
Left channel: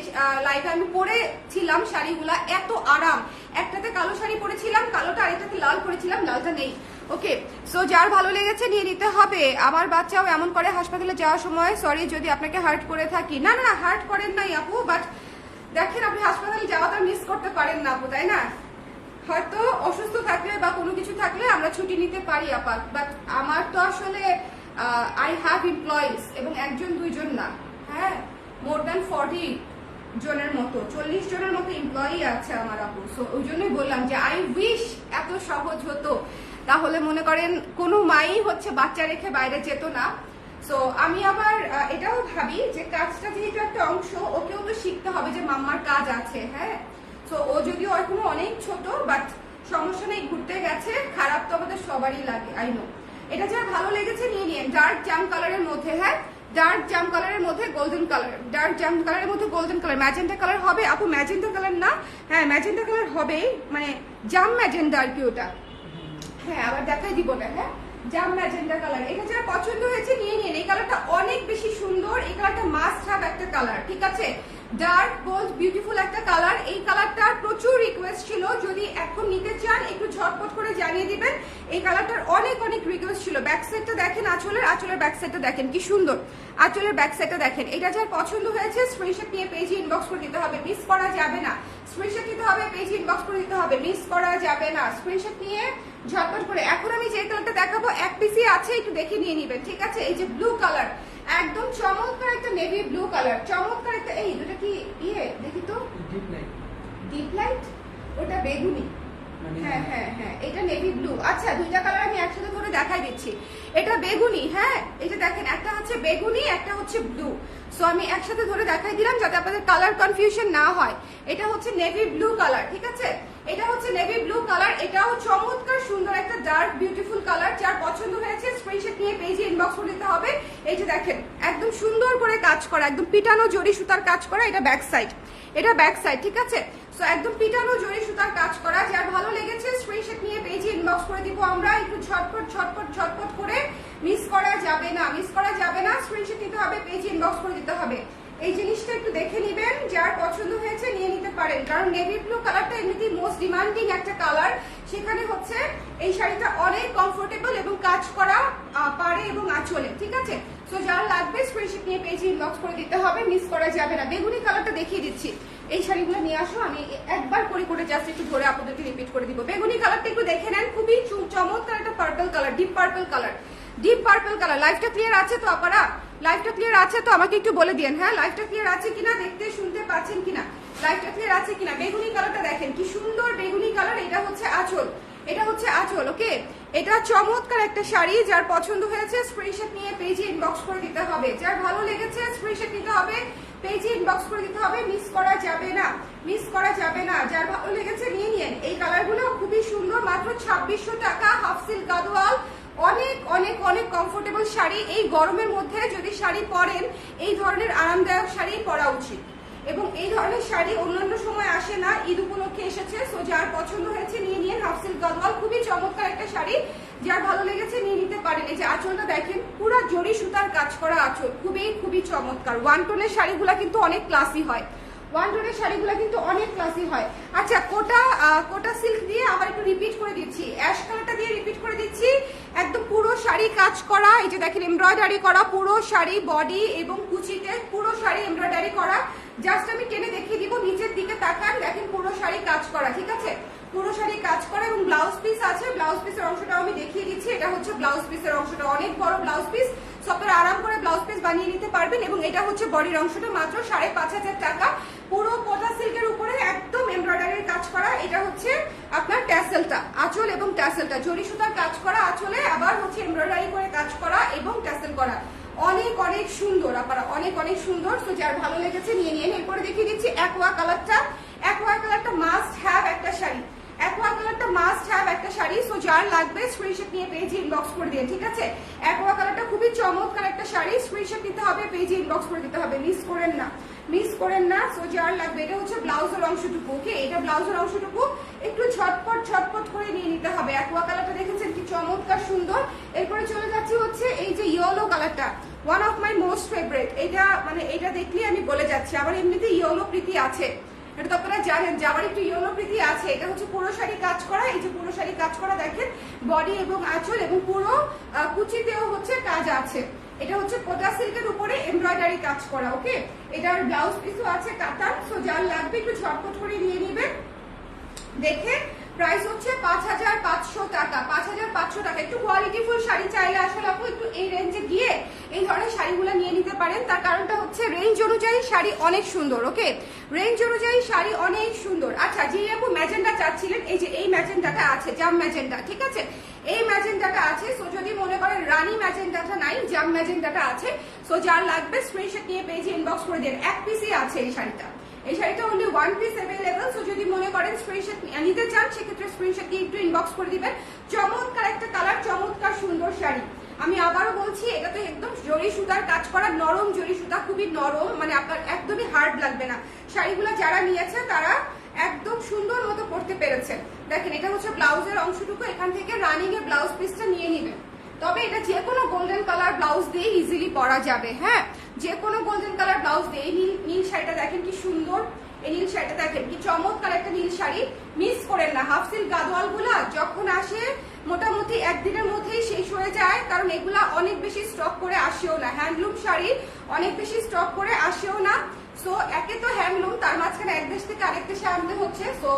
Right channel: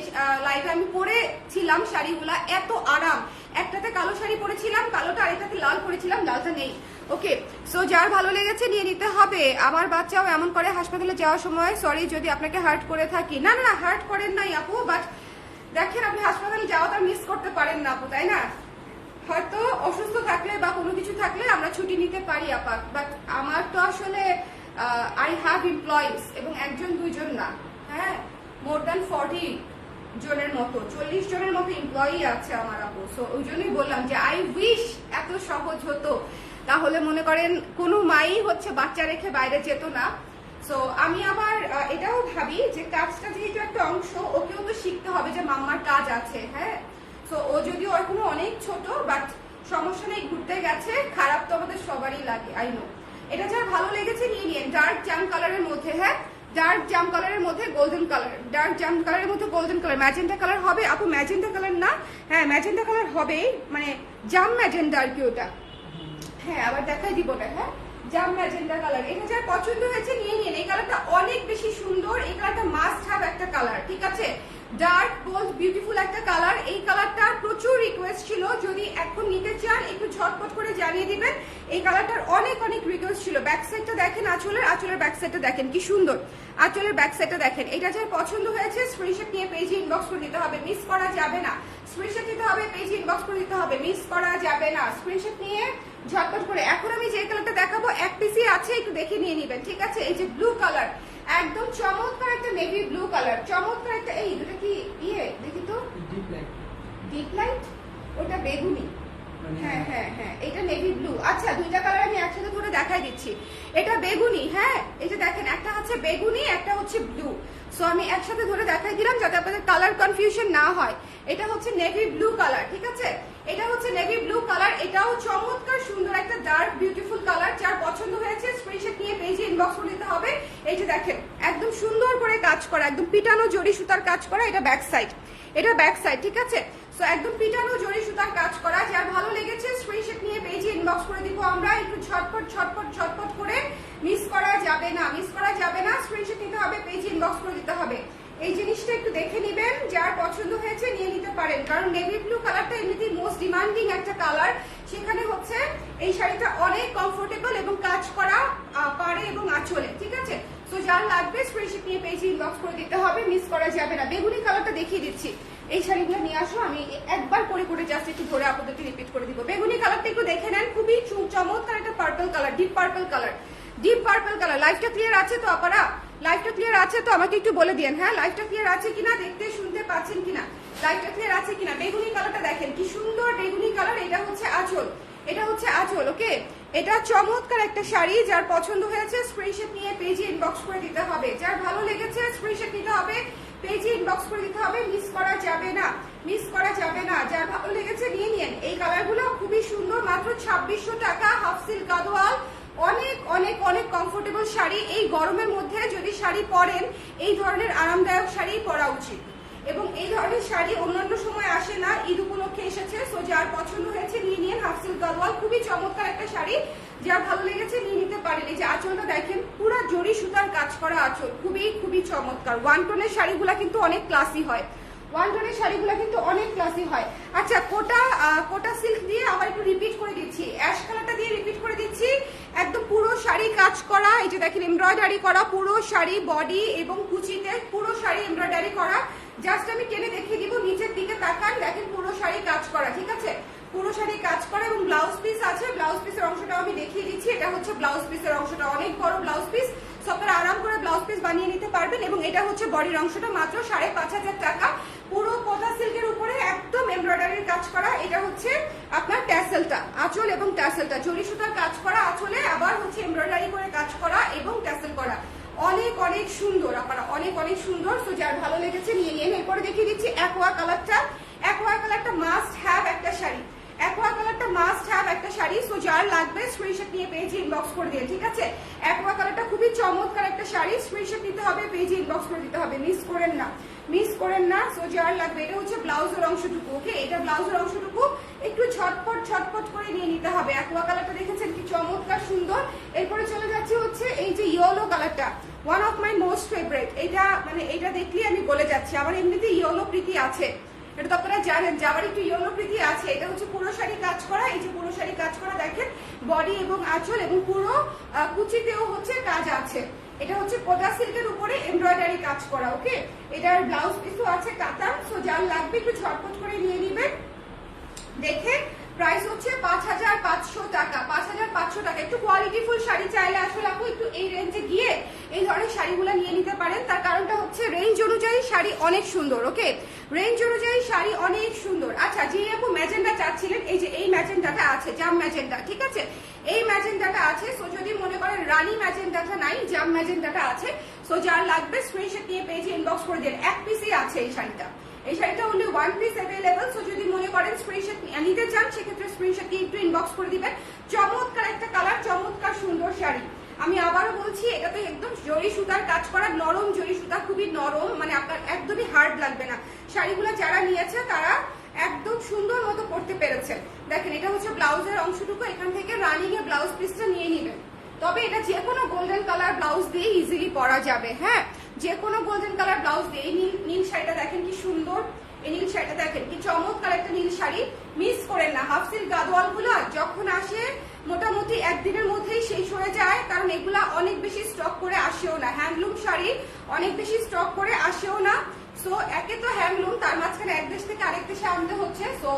লাইভে আমি পরেছিলাম শাড়িগুলা, এত আরাম। একটাতে কালো শাড়ি পরেছিলাম, কালোটা, আরেকটাতে লাল পরেছিলাম, লালটা নেই। ওকে, সো যার ভালো লেগেছে নিয়ে নিতে হবে। আমার বাচ্চাও এমন করে হাসপাতালে যাওয়ার সময়, সরি যদি আপনাকে হার্ট করে থাকি। না না, হার্ট করেন নাই আপু, বাট দেখেন আপনি হাসপাতালে যাওয়াটা মিস করতে পারেন না আপু, তাই না? হয়তো অসুস্থ থাকলে বা কোনো কিছু থাকলে আমরা ছুটি নিতে পারি আপা, বাট আমার তো আসলে আই হ্যাভ এমপ্লয়িজ, এবং একজন দুইজন না, হ্যাঁ মোর দ্যান 40 জনের মতো, 40 জনের মতো এমপ্লয়ি আছে আমার আপু। সো ওই জন্যই বললাম যে আই উইশ এত সহজ হতো, তাহলে মনে করেন কোনো মাই হচ্ছে বাচ্চা রেখে বাইরে যেত না। সো আমি আবার এটাও ভাবি যে কাজটা যেহেতু একটা অংশ, ওকেও তো শিখতে হবে যে মাম্মার কাজ আছে। হ্যাঁ, তো ও যদিও এখনো অনেক ছোট, বাট সমস্যা নেই, ঘুরতে গেছে, খারাপ তো আমাদের সবারই লাগে, আই নো। এটা যার ভালো লেগেছে নিয়ে নিন। ডার্ক জাম কালারের মধ্যে, হ্যাঁ ডার্ক জাম কালারের মধ্যে গোল্ডেন কালার, ডার্ক জাম কালারের মধ্যে গোল্ডেন কালার। ম্যাজেন্টা কালার হবে আপু, ম্যাজেন্টা কালার না, হ্যাঁ ম্যাজেন্টা কালার হবে, মানে জাম ম্যাজেন্টা আর কি ওটা। হ্যাঁ, আবার দেখাই দিব না। হ্যাঁ, জাম ম্যাজেন্টা কালার। এটা যার পছন্দ হয়েছে নিয়ে নিন। এই কালারটা অনেক বেশি সুন্দর, এই কালারটা মাস্ট হ্যাভ একটা কালার, ঠিক আছে? ডার্ক বোল্ড বিউটিফুল একটা কালার। এই কালারটার প্রচুর রিকোয়েস্ট ছিল, যদি এখন নিতে চান একটু ঝটপট করে জানিয়ে দিবেন। এই কালারটার অনেক অনেক রিকোয়েস্ট ছিল। ব্যাক সাইডটা দেখেন, আঁচলের ব্যাক সাইডটা দেখেন কি সুন্দর, আঁচলের ব্যাক সাইডটা দেখেন। এটা যার পছন্দ হয়েছে স্ক্রিনশট নিয়ে পেজে ইনবক্স করে দিতে হবে, মিস করা যাবে না। স্ক্রিনশট নিতে হবে, পেজে ইনবক্স করে দিতে হবে, মিস করা যাবে না। স্ক্রিনশট নিয়ে ঝটপট করে। এখন আমি যে কালারটা দেখাবো এক পিসি আছে, একটু দেখে নিয়ে নিবেন, ঠিক আছে? এই যে ব্লু কালার, একদম চমৎকার একটা নেভি ব্লু কালার, চমৎকার একটা। এই দুটো কি ইয়ে দেখি তো, ডিপ লাইট, ওটা বেগুনি, হ্যাঁ হ্যাঁ হ্যাঁ, এটা নেভি ব্লু। আচ্ছা, দুইটা কালার আমি একসাথে ধরে দেখাই দিচ্ছি। এটা বেগুনি, হ্যাঁ এই যে দেখেন, একটা হচ্ছে বেগুনি, একটা হচ্ছে ব্লু। সো আমি একসাথে ধরে দেখাই দিলাম যাতে আপনাদের কালার কনফিউশন না হয়। এটা হচ্ছে নেভি ব্লু কালার, ঠিক আছে? এটা হচ্ছে নেভি ব্লু কালার। এটাও চমৎকার সুন্দর একটা ডার্ক বিউটিফুল কালার। যার পছন্দ হয়েছে স্ক্রিনশট নিয়ে পেজে ইনবক্স করে দিতে হবে। এই যে দেখেন, একদম সুন্দর করে কাজ করা, একদম পিটানো জরি সুতার কাজ করা। এটা ব্যাক সাইড, এটা ব্যাক সাইড, ঠিক আছে? সো একদম পিটানো জরি সুতার কাজ করা। যার ভালো লেগেছে স্ক্রিনশট নিয়ে পেজে ইনবক্স করে দিব আমরা। একটু ঝটপট ঝটপট ঝটপট করে, মিস করা যাবে না, মিস করা যাবে না। স্ক্রিনশট নিতে হবে, পেজে ইনবক্স করে দিতে হবে। এই জিনিসটা একটু দেখে নেবেন, যার পছন্দ হয়েছে নিয়ে নিতে পারেন। কারণ নেভি ব্লু কালারটা এমনিতেই মোস্ট ডিমান্ডিং একটা কালার। সেখানে হচ্ছে এই শাড়িটা অনেক কমফোর্টেবল এবং কাজ করা পাড়ে এবং আঁচলে, ঠিক আছে? তো যার লাগবে স্ক্রিনশট নিয়ে পেজে ইনবক্স করে দিতে হবে, মিস করা যাবে না। বেগুনি কালারটা দেখিয়ে দিচ্ছি। এই শাড়িগুলো নিয়ে আসো, আমি একবার করে করে জাস্ট একটু ধরে আপনাদেরকে রিপিট করে দিব। বেগুনি কালারটা একটু দেখে নেন, খুবই চমৎকার একটা purple colour, deep purple colour, deep purple colour. লাইফটা ক্লিয়ার আছে তো আপনারা? লাইফটা ক্লিয়ার আছে তো? আমাকে একটু বলে দিন, হ্যাঁ লাইফটা ক্লিয়ার আছে কিনা, দেখতে শুনতে পাচ্ছেন কিনা, লাইফটা ক্লিয়ার আছে কিনা। বেগুনি কালারটা দেখেন কি সুন্দর বেগুনি কালার। এটা হচ্ছে আঁচল, এটা হচ্ছে আঁচল, ওকে? এটা চমৎকার একটা শাড়ি। যার পছন্দ হয়েছে স্ক্রিনশট নিয়ে পেজে ইনবক্স করে দিতে হবে। যার ভালো লেগেছে স্ক্রিনশট নিতে হবে, পেজে ইনবক্স করে দিতে হবে, মিস করা যাবে না, মিস করা যাবে না। যার ভালো লেগেছে নিয়ে নিন। এই কালারগুলো খুবই সুন্দর, মাত্র 2600 টাকা, হাফ সিল্ক গাদোয়াল। অনেক অনেক অনেক কমফোর্টেবল শাড়ি। এই গরমের মধ্যে যদি শাড়ি পরেন, এই ধরনের আরামদায়ক শাড়ি পরা উচিত। এবং এই ধরনের শাড়ি অন্যান্য সময় আসে না, ঈদ উপলক্ষে এসেছে। সো যার পছন্দ হয়েছে নিয়ে নিন। হাফ সিল্ক গাদোয়াল, খুবই চমৎকার একটা শাড়ি। যার ভালো লেগেছে নিয়ে নিতে পারেন। এই যে আঁচলটা দেখেন, পুরো জরি সুতার কাজ করা আঁচল, খুবই খুবই চমৎকার। ওয়ান টোনের শাড়িগুলো কিন্তু অনেক ক্লাসি হয়, ওয়ান টোনের শাড়িগুলো কিন্তু অনেক ক্লাসি হয়। আচ্ছা, কোটা সিল্ক দিয়ে আবার একটু রিপিট করে দিচ্ছি, অ্যাশ কালারটা দিয়ে রিপিট করে দিচ্ছি। একদম পুরো শাড়ি কাজ করা, এই যে দেখেন এমব্রয়ডারি করা, পুরো শাড়ি বডি এবং কুচিতে পুরো শাড়ি এমব্রয়ডারি করা। জাস্ট আমি টেনে দেখিয়ে দিব, নিচের দিকে তাকান, দেখেন পুরো শাড়ি কাজ করা, ঠিক আছে? পুরো শাড়ি কাজ করা এবং ব্লাউজ পিস আছে। ব্লাউজ পিসের অংশটা আমি দেখিয়ে দিচ্ছি। এটা হচ্ছে ব্লাউজ পিসের অংশটা, অনেক বড় ব্লাউজ পিস। আপনারা আরাম করে ব্লাউজ পিস বানিয়ে নিতে পারবেন। এবং এটা হচ্ছে বডির অংশটা, মাত্র 5500 টাকা। পুরো কোটা সিল্কের উপরে একদম এমব্রয়ডারির কাজ করা। এটা হচ্ছে আপনার ট্যাসেলটা, আঁচল এবং ট্যাসেলটা জরি সুতার কাজ করা আঁচলে, আবার হচ্ছে এমব্রয়ডারি করে কাজ করা এবং ট্যাসেল করা। অনেক অনেক সুন্দর, আপনারা অনেক অনেক সুন্দর। তো যার ভালো লেগেছে নিয়ে নিন। এরপরে দেখিয়ে দিচ্ছি অ্যাকোয়া কালারটা। অ্যাকোয়া কালারটা মাস্ট হ্যাভ একটা শাড়ি, অ্যাকোয়া কালারটা মাস্ট হ্যাভ একটা শাড়ি। সো যার লাগবে স্ক্রিনশট নিয়ে পেজে ইনবক্স করে দিন, ঠিক আছে? অ্যাকোয়া কালারটা খুবই চমৎকার একটা শাড়ি। স্ক্রিনশট নিতে হবে, পেজে ইনবক্স করে দিতে হবে, মিস করেন না, মিস করেন না। সো যার লাগবে, এটা হচ্ছে ব্লাউজের অংশটুকু, ওকে? এটা ব্লাউজের অংশটুকু একটু ঝটপট ঝটপট করে নিয়ে নিতে হবে। অ্যাকোয়া কালারটা দেখেছেন কি চমৎকার সুন্দর। এরপরে চলে যাচ্ছি হচ্ছে এই যে ইয়েলো কালারটা, one of my most favourite. এটা মানে এটা দেখলেই আমি বলে যাচ্ছি, আমার এমনিতে ইয়েলো প্রীতি আছে, এটা তো আপনারা জানেন যে আমার একটু ইয়েলো প্রীতি আছে। এটা হচ্ছে পুরো শাড়ি কাজ করা, এই যে পুরো শাড়ি কাজ করা দেখেন, বডি এবং আঁচল এবং পুরো কুচিতেও হচ্ছে কাজ আছে। এটা হচ্ছে কোটা সিল্কের উপরে এমব্রয়ডারি কাজ করা, ওকে? এটার ব্লাউজ পিসও আছে কাতার। সো যার লাগবে একটু ঝটপট করে নিয়ে নেবেন। দেখে প্রাইস হচ্ছে 5500 টাকা, 5500 টাকা। একটু কোয়ালিটিফুল শাড়ি চাইলে আসলে আপু একটু এই রেঞ্জে গিয়ে এই ধরনের শাড়িগুলো নিয়ে নিতে পারেন। তার কারণটা হচ্ছে রেঞ্জ অনুযায়ী শাড়ি অনেক সুন্দর, ওকে? রেঞ্জ অনুযায়ী শাড়ি অনেক সুন্দর। আচ্ছা, যে আপু ম্যাজেন্ডা চাচ্ছিলেন, এই যে এই ম্যাজেন্ডাটা আছে, জাম ম্যাজেন্ডা, ঠিক আছে? এই ম্যাজেন্ডাটা আছে। সো যদি মনে করেন রানী ম্যাজেন্ডাটা নাই, জাম ম্যাজেন্ডাটা আছে। সো যার লাগবে স্ক্রিনশট নিয়ে পেজে ইনবক্স করে দেন। এক পিসই আছে এই শাড়িটা, এই শাড়িটা only one piece available. So যদি মনে করেন স্ক্রিনশট নিতে চান, সেক্ষেত্রে স্ক্রিনশট নিয়ে একটু ইনবক্স করে দিবেন। চমৎকার একটা কালার, চমৎকার সুন্দর শাড়ি। আমি আবারও বলছি, এটা তো একদম জরি সুতার কাজ করা, নরম জরি সুতা, খুবই নরম, মানে আপনার একদমই হার্ড লাগবে না। শাড়িগুলো যারা নিয়েছে তারা একদম সুন্দর মতো করতে পেরেছে। দেখেন, এটা হচ্ছে ব্লাউজের অংশটুকু, এখান থেকে রানিং এর ব্লাউজ পিসটা নিয়ে নিবেন। তবে এটা যে কোনো গোল্ডেন কালার ব্লাউজ দিয়ে ইজিলি পরা যাবে, হ্যাঁ? যে কোনো গোল্ডেন কালার ব্লাউজ দিয়ে। এই নীল শাড়িটা দেখেন কি সুন্দর, এই নীল শাড়িটা দেখেন কি চমৎকার একটা নীল শাড়ি। মিস করেন না। হাফ সিল্ক গাদোয়াল গুলো যখন আসে মোটামুটি একদিনের মধ্যেই শেষ হয়ে যায়, কারণ এগুলা অনেক বেশি স্টক করে আসেও না। হ্যান্ডলুম শাড়ি অনেক বেশি স্টক করে আসেও না। সো একে তো হ্যান্ডলুম, তার মাঝখানে এক দেশ থেকে আরেক দেশে আনতে হচ্ছে। সো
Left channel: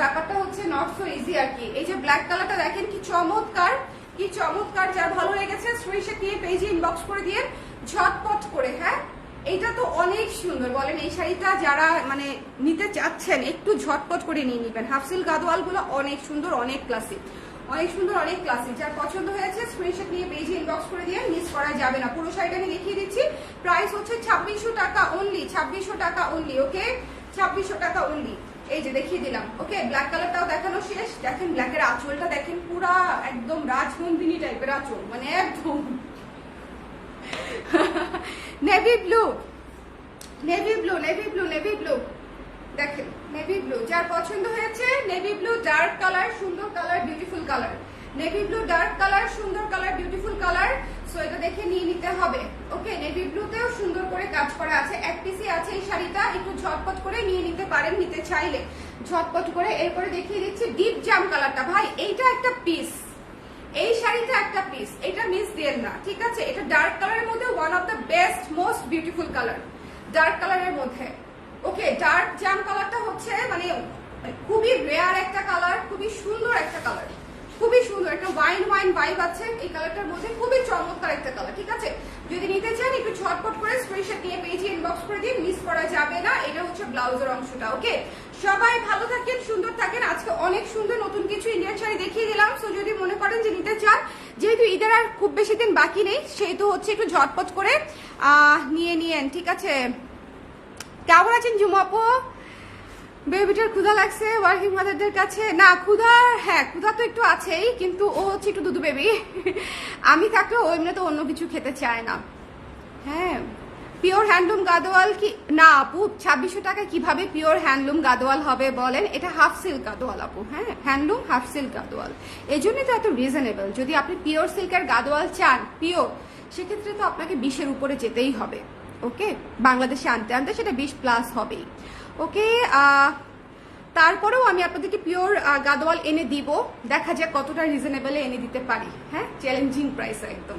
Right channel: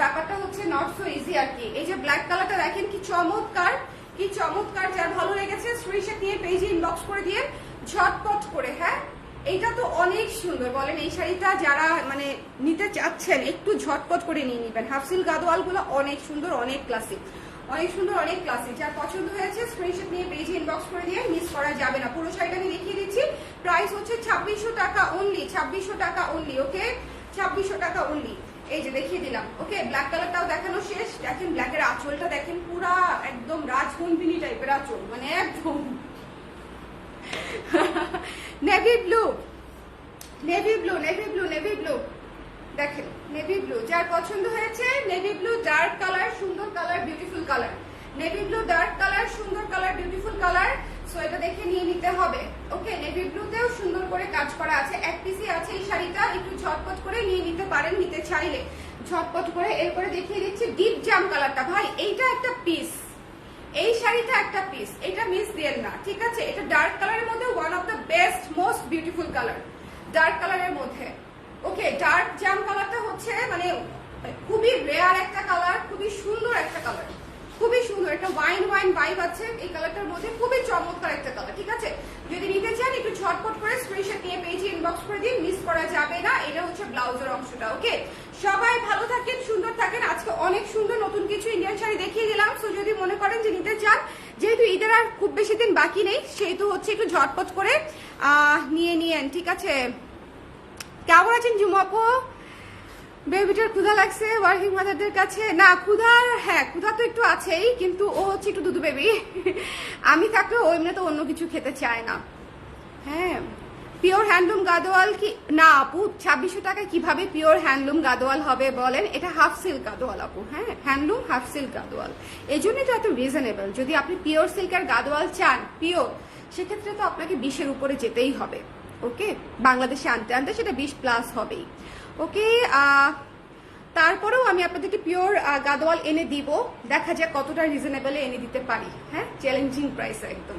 ব্যাপারটা হচ্ছে নট সো ইজি আর কি। এই যে ব্ল্যাক কালারটা দেখেন কি চমৎকার, কি চমৎকার। যার ভালো লেগেছে স্ক্রিনশট নিয়ে পেজে ইনবক্স করে দিয়ে ঝটপট করে, হ্যাঁ এইটা তো অনেক সুন্দর, বলেন এই শাড়িটা যারা মানে নিতে চাচ্ছেন একটু ঝটপট করে নিয়ে নিবেন। হাফ সিল্ক গাদোয়াল গুলো অনেক সুন্দর, অনেক ক্লাসিক, অনেক সুন্দর, অনেক ক্লাসিক। যার পছন্দ হয়েছে স্ক্রিনশট নিয়ে পেজে ইনবক্স করে দিয়ে মিস করা যাবে না। পুরো শাড়িটা আমি দেখিয়ে দিচ্ছি, প্রাইস হচ্ছে 2600 টাকা অনলি, 2600 টাকা অনলি। ওকে, 2600 টাকা অনলি। এই যে দেখিয়ে দিলাম। ওকে, ব্ল্যাক কালারটাও দেখানো শেষ। দেখেন ব্ল্যাকের আঁচলটা দেখেন, পুরা একদম রাজনন্দিনী টাইপের আঁচল, মানে একদম navy blue, navy blue, navy blue, navy blue, দেখেন নেভি ব্লু। যার পছন্দ হয়েছে নেভি ব্লু, ডার্ক কালার, সুন্দর colour, beautiful colour. Navy blue dark colour, সুন্দর কালার, বিউটিফুল কালার। সো এটা দেখে নিয়ে নিতে হবে। ওকে, নেভি ব্লুতেও সুন্দর করে কাজ করা আছে, এক পিসই আছে এই শাড়িটা। একটু ঝটপট করে নিয়ে নিতে পারেন, নিতে চাইলে ঝটপট করে। এরপরে দেখিয়ে দিচ্ছি ডিপ জাম কালারটা। ভাই এইটা একটা পিস, এই শাড়িটা একটা পিস, এটা মিস দিয়েন না, ঠিক আছে? এটা ডার্ক কালারের মধ্যে one of the best most beautiful colour, dark কালারের মধ্যে। ওকে, ডার্ক জাম কালারটা হচ্ছে মানে খুবই রেয়ার একটা কালার, খুবই সুন্দর একটা কালার, খুবই সুন্দর একটা ওয়াইন ওয়াইন ভাইব আছে এই কালারটার মধ্যে, খুবই চমৎকার একটা কালার, ঠিক আছে? যদি নিতে চান একটু ঝটপট করে স্ক্রিনশট নিয়ে পেজে ইনবক্স করে দিন, মিস করা যাবে না। এটা হচ্ছে ব্লাউজের অংশটা। ওকে, সবাই ভালো থাকেন, সুন্দর থাকেন। আজকে অনেক সুন্দর নতুন কিছু ইন্ডিয়ান শাড়ি দেখিয়ে দিলাম। সো যদি মনে করেন যে নিতে চান, যেহেতু ঈদের আর খুব বেশি দিন বাকি নেই, সেহেতু হচ্ছে একটু ঝটপট করে নিয়ে নিয়েন, ঠিক আছে? কেমন আছেন জুমাপো? বেবিটার ক্ষুধা লাগছে ওয়ার্কিং মাদারদের কাছে? না ক্ষুধা, হ্যাঁ ক্ষুধা তো একটু আছেই, কিন্তু ও হচ্ছে একটু দুধু বেবি। আমি থাকলেও ও এমনি তো অন্য কিছু খেতে চায় না। হ্যাঁ, পিওর হ্যান্ডলুম গাদোয়াল কি না আপু? 2600 টাকায় কিভাবে পিওর হ্যান্ডলুম গাদোয়াল হবে বলেন? এটা হাফ সিল্ক গাদোয়াল আপু, হ্যাঁ হ্যান্ডলুম হাফ সিল্ক গাদোয়াল, এই জন্যই তো এত রিজনেবল। যদি আপনি পিওর সিল্কের গাদোয়াল চান পিওর, সেক্ষেত্রে তো আপনাকে 20-এর উপরে যেতেই হবে। ওকে, বাংলাদেশে আনতে আনতে সেটা 20+ হবেই। ওকে, তারপরেও আমি আপনাদেরকে পিওর গাদোয়াল এনে দিব, দেখা যাক কতটা রিজনেবলে এনে দিতে পারি। হ্যাঁ, চ্যালেঞ্জিং প্রাইস একদম।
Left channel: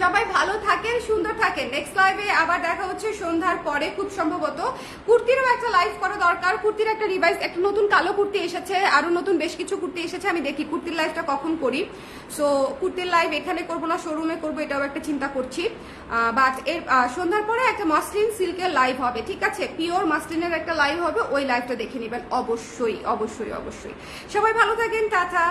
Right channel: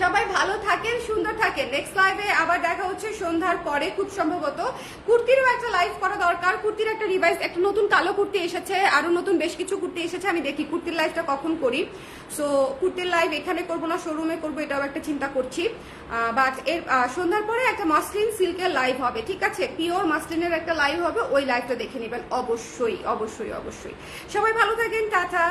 সবাই ভালো থাকেন, সুন্দর থাকেন। নেক্সট লাইভে আবার দেখা হচ্ছে সন্ধ্যার পরে খুব সম্ভবত। কুর্তিরও একটা লাইভ করা দরকার, কুর্তির একটা রিভাইজ, একটা নতুন কালো কুর্তি এসেছে, আরো নতুন বেশ কিছু কুর্তি এসেছে। আমি দেখি কুর্তির লাইভটা কখন করি। সো কুর্তির লাইভ এখানে করবো না শোরুমে করবো, এটাও একটা চিন্তা করছি। বাট এর সন্ধ্যার পরে একটা মাসলিন সিল্কের লাইভ হবে, ঠিক আছে? পিওর মাসলিনের একটা লাইভ হবে, ওই লাইভটা দেখে নেবেন অবশ্যই, অবশ্যই, অবশ্যই। সবাই ভালো থাকেন, টাটা।